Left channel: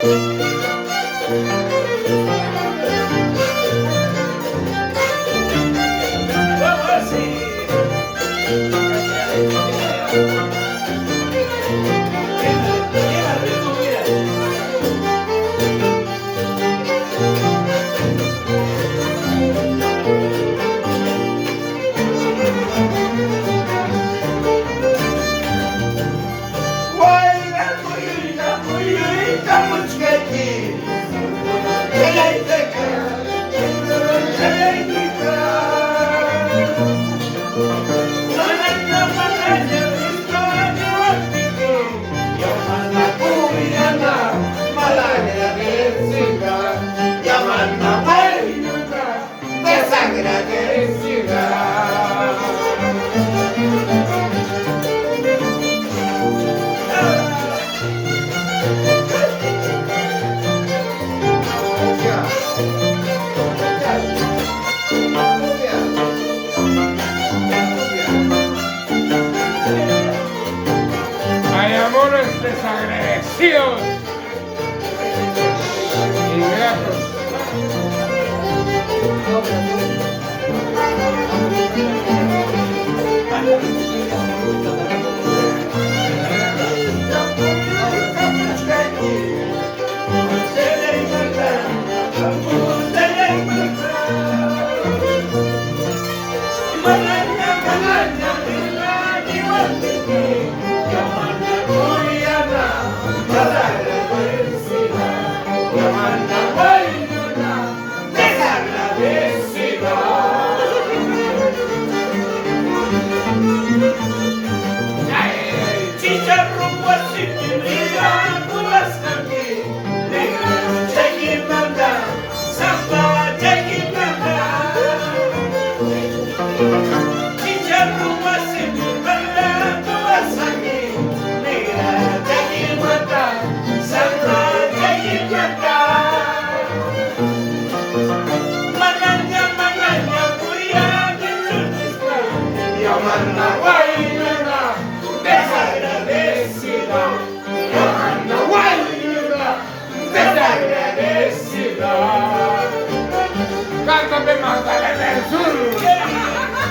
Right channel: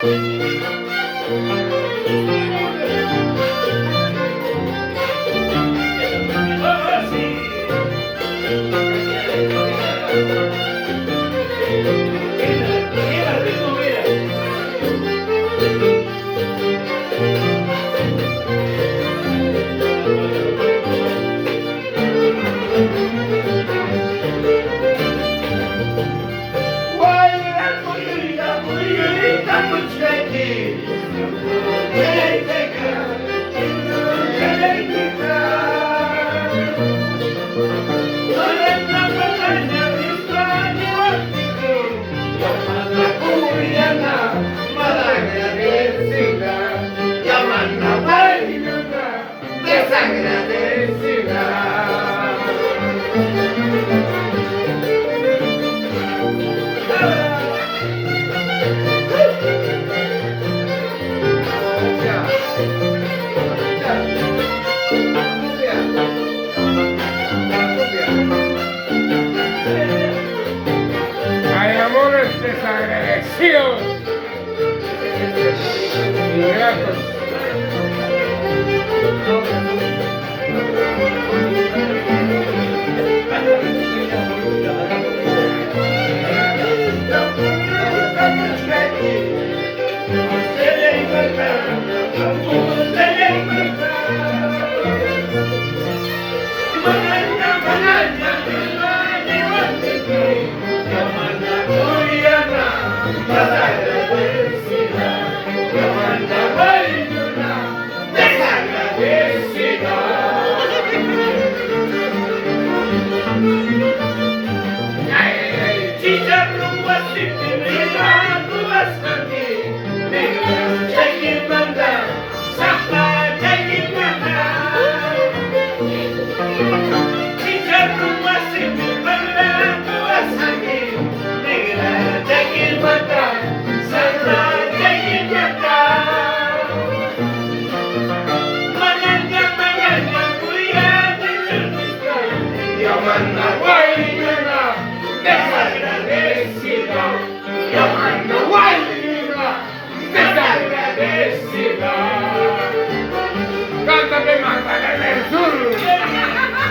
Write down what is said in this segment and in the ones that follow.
Hay amores desagradecidos, ingratos. Cántame Magdalena del Sur.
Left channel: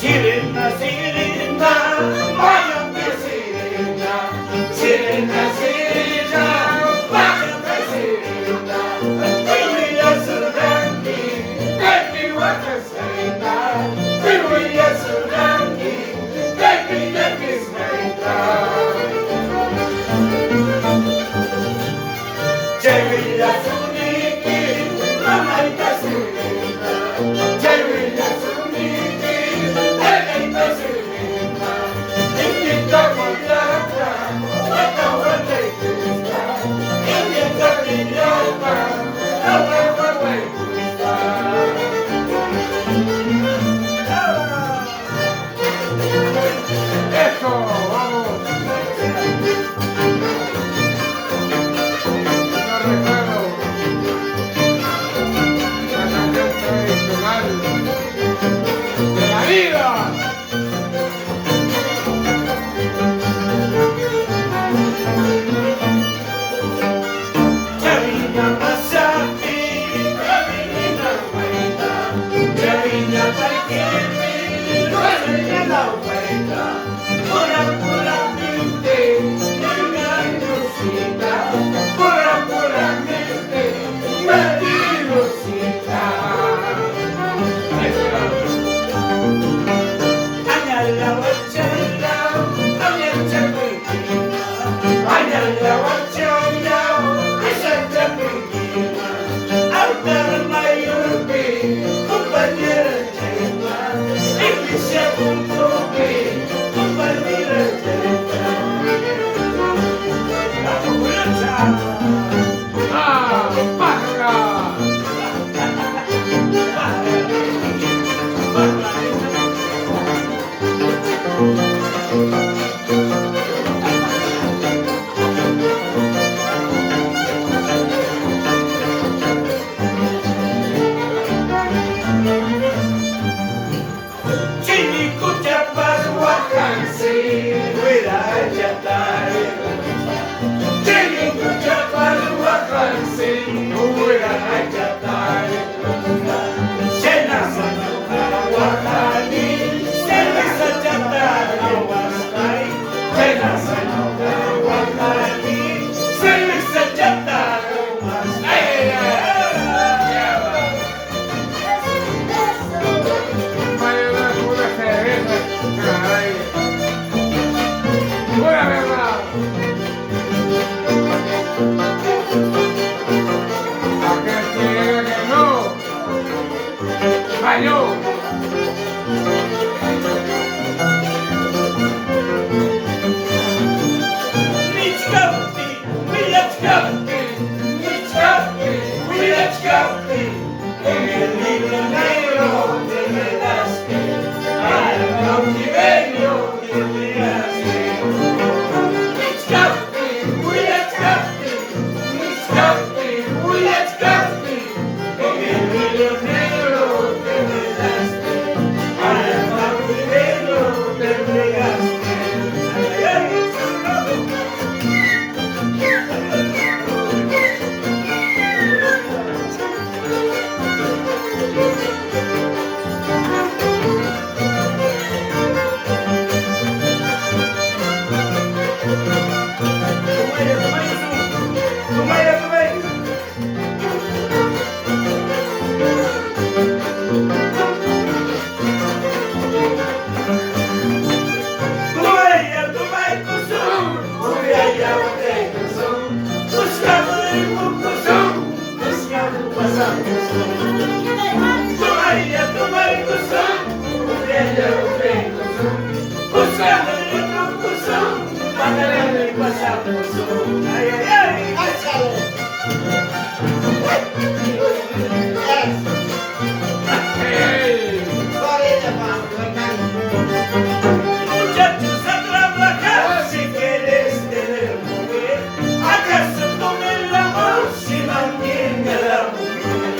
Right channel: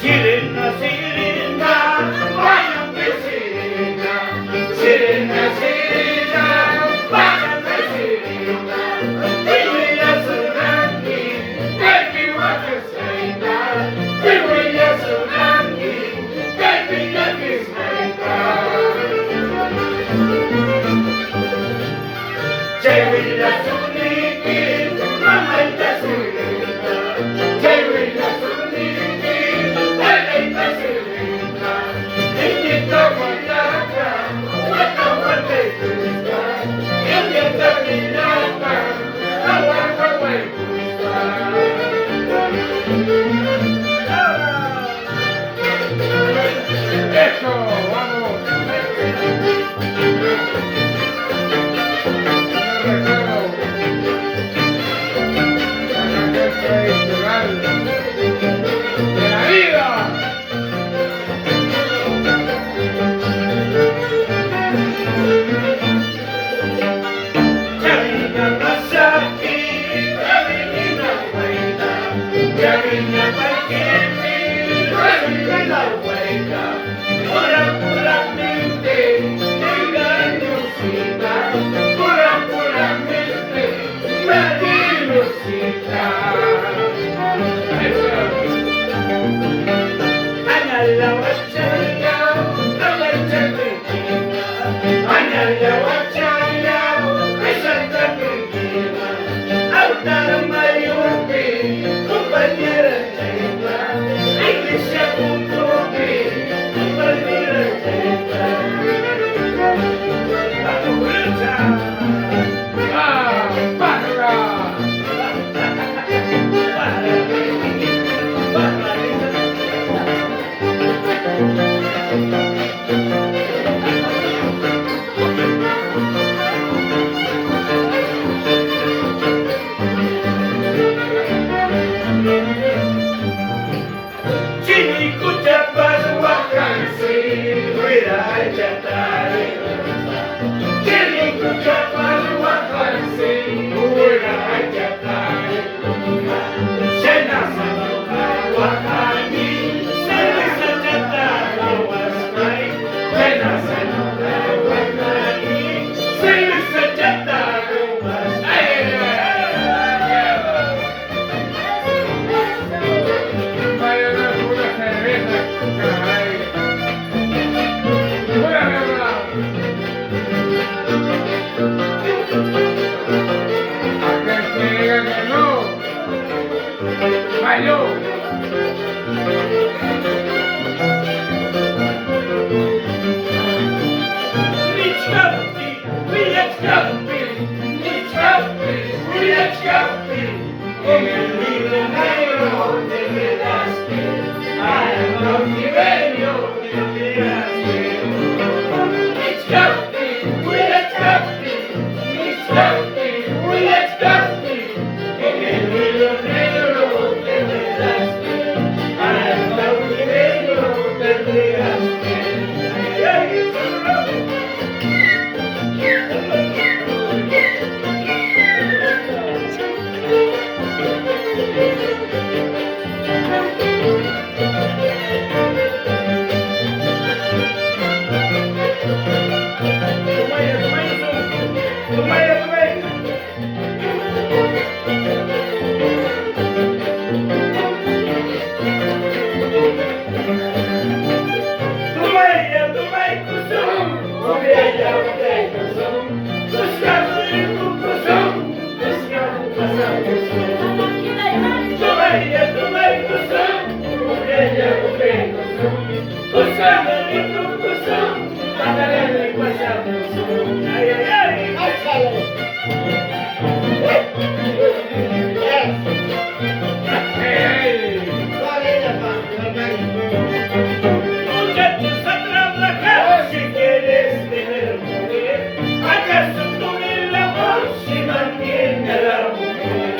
Sirena, sirena, váyate sirena, sirena, sirena, váyate sirena, Viviya Surangi, baby wakasena, Viviya Surangi, baby nakisena. Viviya Surangi, mamaita sirena, Viviya Surangi. Eso, vamos. Yo recuerdo la canción tradicional de la vida. ¡Ah, pájara! Falló. En el libro negro te quedaste, al cautiverio te llegaste. En el libro negro te quedaste, al cautiverio te llegaste. Ay, ay, Hey. muchachos a trabajar si quieres tener mujer. ¿Acaso con el amor se mantiene la mujer?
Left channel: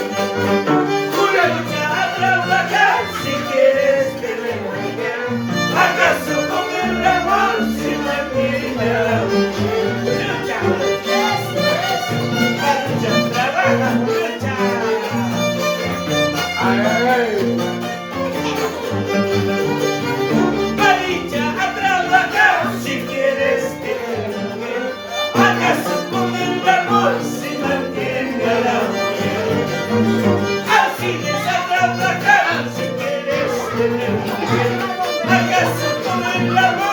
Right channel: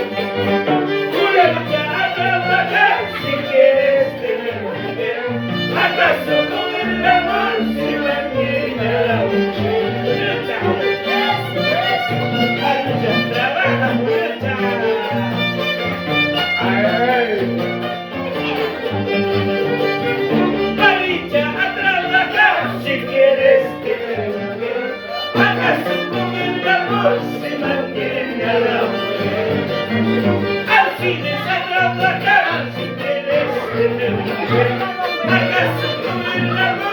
Muchacha a trabajar si quieres tener mujer. ¿Acaso con el amor se mantiene la mujer? Muchacha, trabaja, muchacha. Ay. Maricha a trabajar si quieres tener mujer. ¿Acaso con el amor se mantiene a la mujer? Alcides a trabajar si quieres tener mujer. ¿Acaso con el amor